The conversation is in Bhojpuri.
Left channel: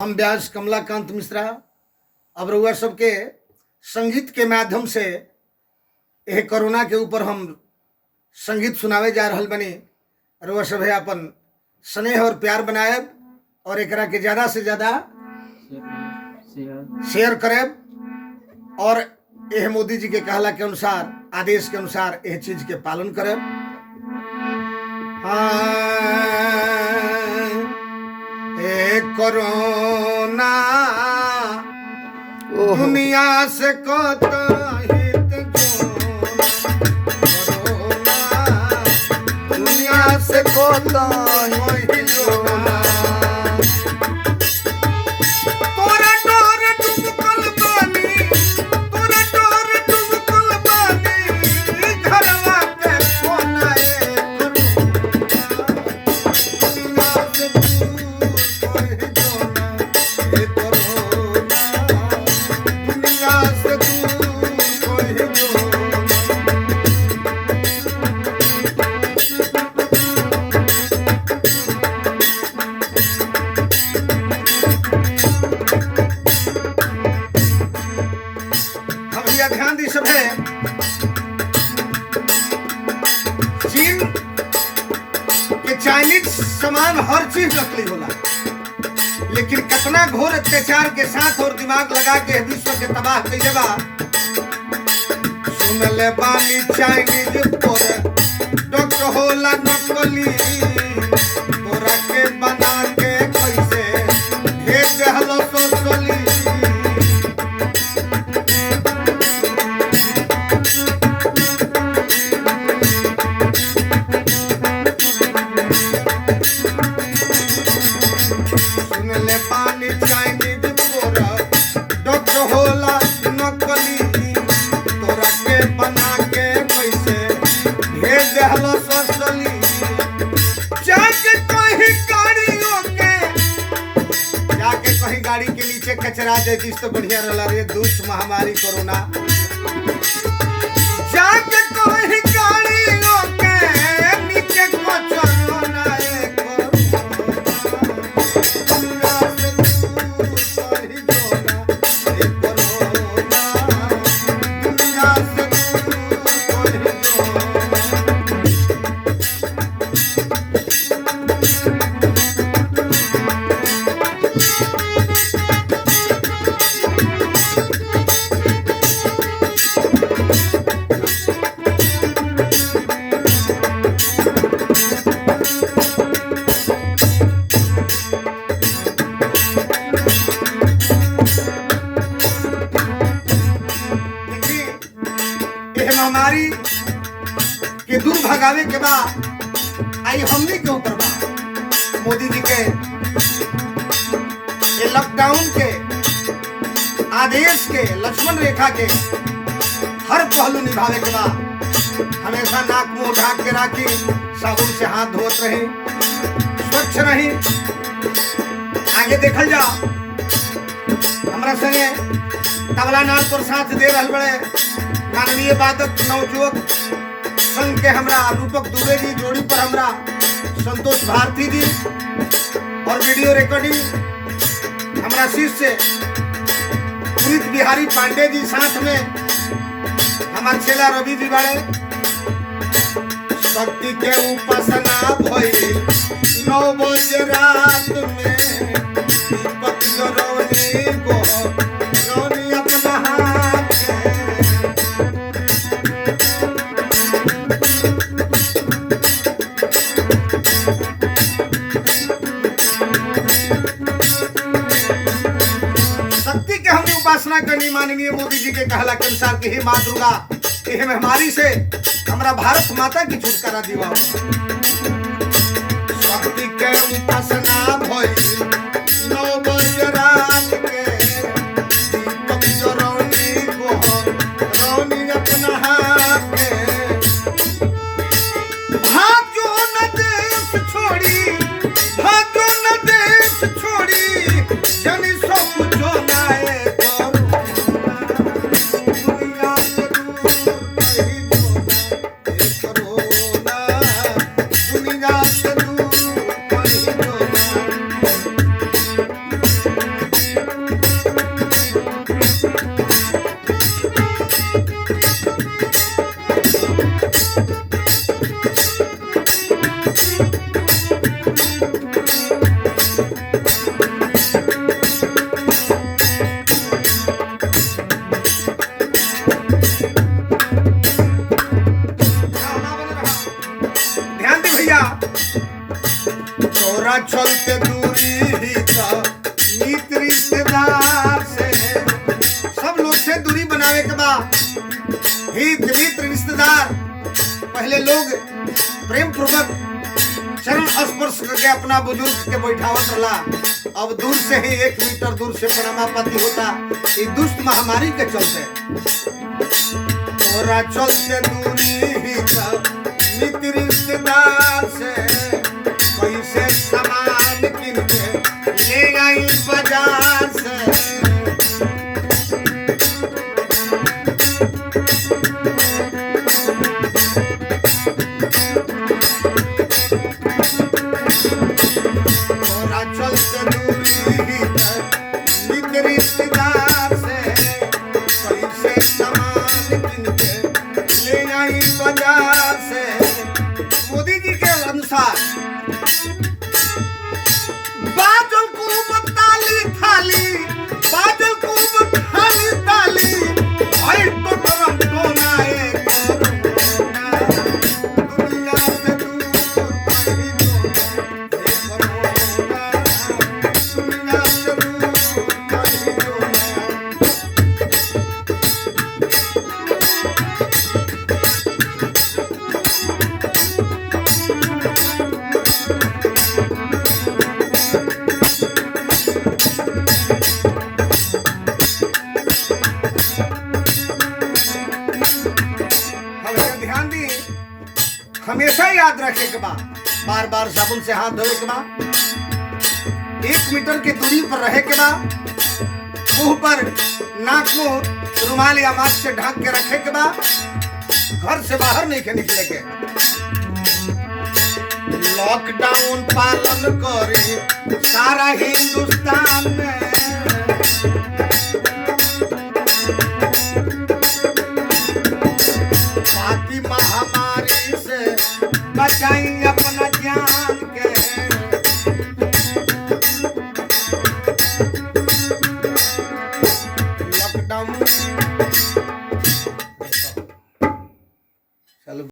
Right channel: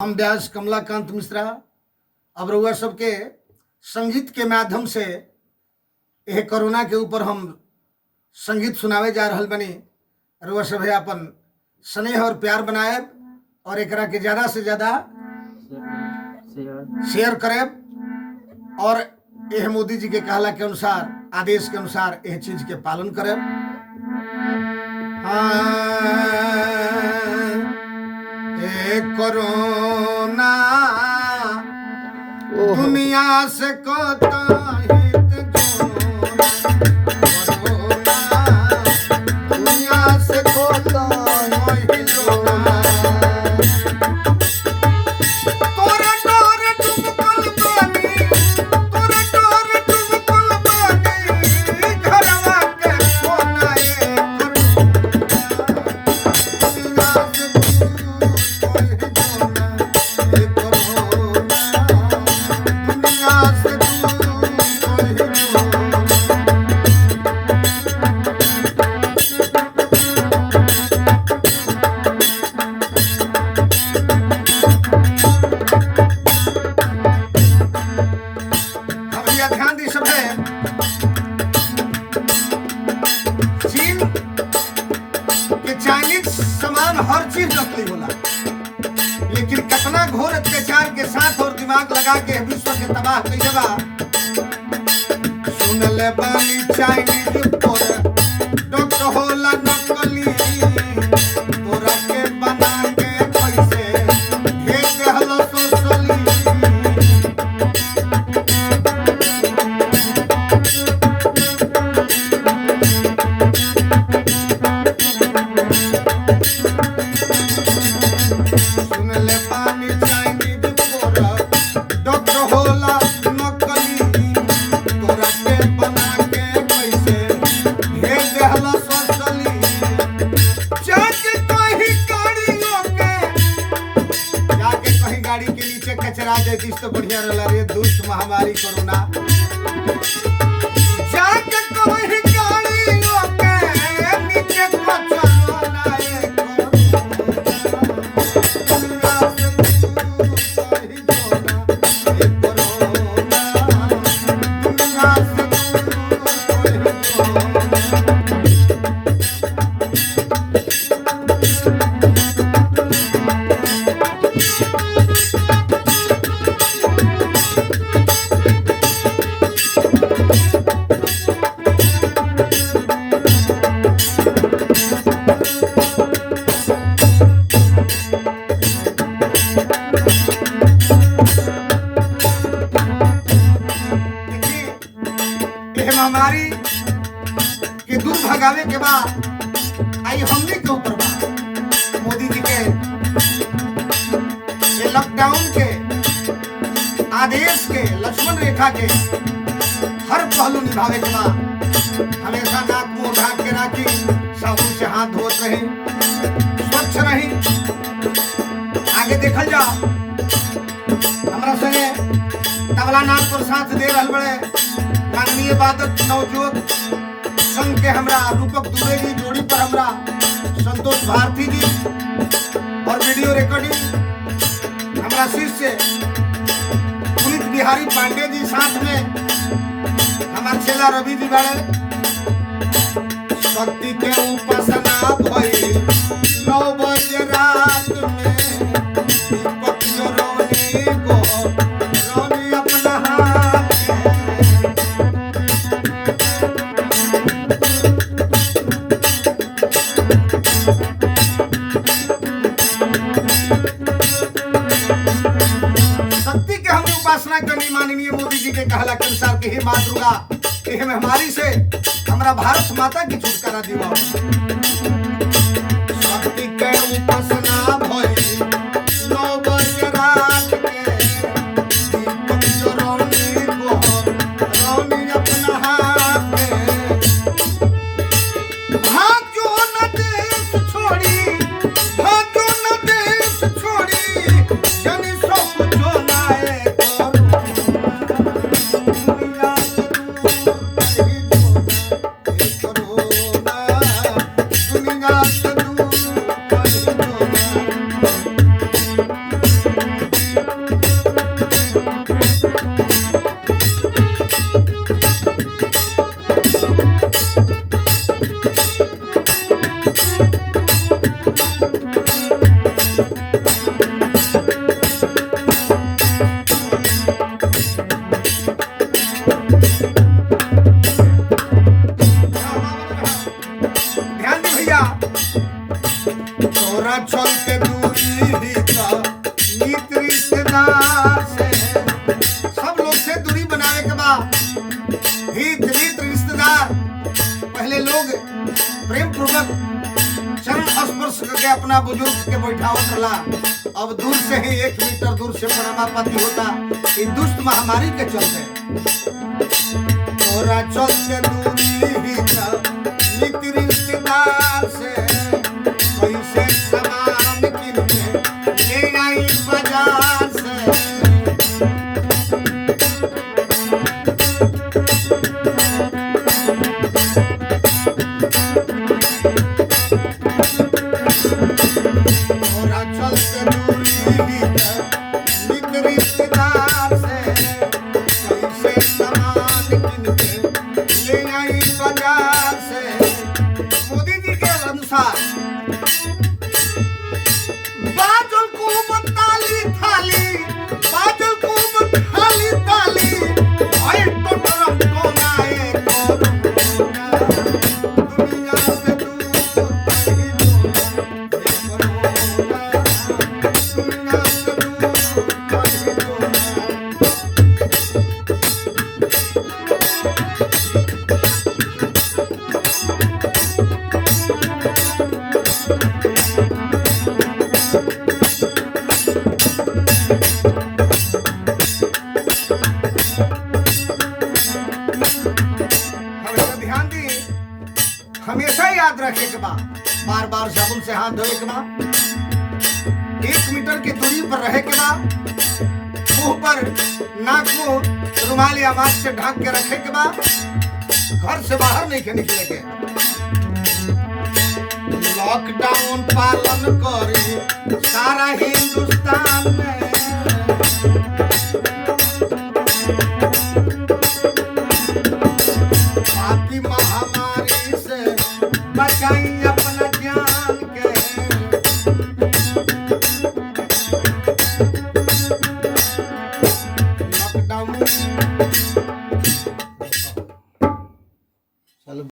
हम व्यास कमलाकांत मिश्रा अब रउआ सबके संगीत के माध्यम से यह कोरोना के ऊपर हम संगीत सुनावे जा रहल बनी। रउआ सब अपन स्नेह और प्यार बनाए और एकरा के ज़्यादा से ज़्यादा शेयर करें और यह मोदी जी के कहला के अनुसार आदेश के अनुसार यह चीज के पालन करें। कोरोना दुनिया से कोरोना दुनिया से ध्यान दी सब है। चीन के चाइनीज सामान हर चीज नकली होला, लेकिन कितना घोर अत्याचार के साथ और दिमाग लगा के विश्व के तबाह कइले बा। सुन ले बानी चाइनीज प्रोडक्ट होला नकली, तोरा के बना के कैसे भेज देहलो सोशली। गाड़ी के नीचे कचरा देती तो बढ़िया रहला रे दुष्ट महामारी कोरोना। जाके कोई गाड़ी के नीचे कचरा ना महामारी के दूर भगावे के बाद आई हमने के ऊपर बा मोदी जी के ये लॉकडाउन के आदेश के लक्ष्मण रेखा के हर पहलू निभावे के बाद हमेशा नाक मुंह ढाक के राखी, साबुन से हाथ धोत रही, स्वच्छ रही। आगे देखल जा हमारा संगे तबला नाल पर साथ दे रहल बड़े माननीय वादक नवयुवक संघ के हमरा रूपक दुबे जी, जोड़ी पर हमरा संतोष भारती जी और वीडियो रिकॉर्डिंग हमरा शिष्य पुनीत बिहारी पांडे जी, साथ में हमारे चेला रवि जी बड़े। शक्ति के उपासना भई 9 बजे रात में दीपक जरौनी को रौनी अपना हाथ उपासना करनी। माननीय मोदी जी के कहला के अनुसार कि हे मां दुर्गा, हे महामारी से हमरा भारत माता की छुटकारा दिवा। शक्ति के उपासना भई 9 बजे रात के दीपक जरौनी को रौनी अपना हाथ भाग्यो न देश छोड़ी, भाग्यो न देश छोड़ी, जनी सब जो नाए दुनिया से दूर पहले लोग प्रेम पूर्वक चरण स्पर्श करके अपना बुजुर्ग के बैठावत रहा, अब दूर से ही 1 मीटर दूर से प्रणमापति होता। ये दुष्ट महामारी के चलते तोरा चलते दूरी ही नित रिश्तेदार से कैसे सामान किन के ले आई बाजार से। मोदी जी के अनुसार बादल को बताली थाली, बादल को बताली ताली, भाई तो तरफ डोनाए दुनिया से दूर कहीं डोना, दुनिया से दूर कहीं डोना। हमेशा याद रखे के बाद बार बार साबुन से हाथ धोए के बाद 1 मीटर की दूरी पर रहे के बाद मुंह पर नाक मुंह रुमाल या मास्क से ढक के रखे के बाद घर से बाहर नहीं के निकले के। लॉकडाउन पालन करे सारा हिंदुस्तान में, पापी महामारी से बचाई अपना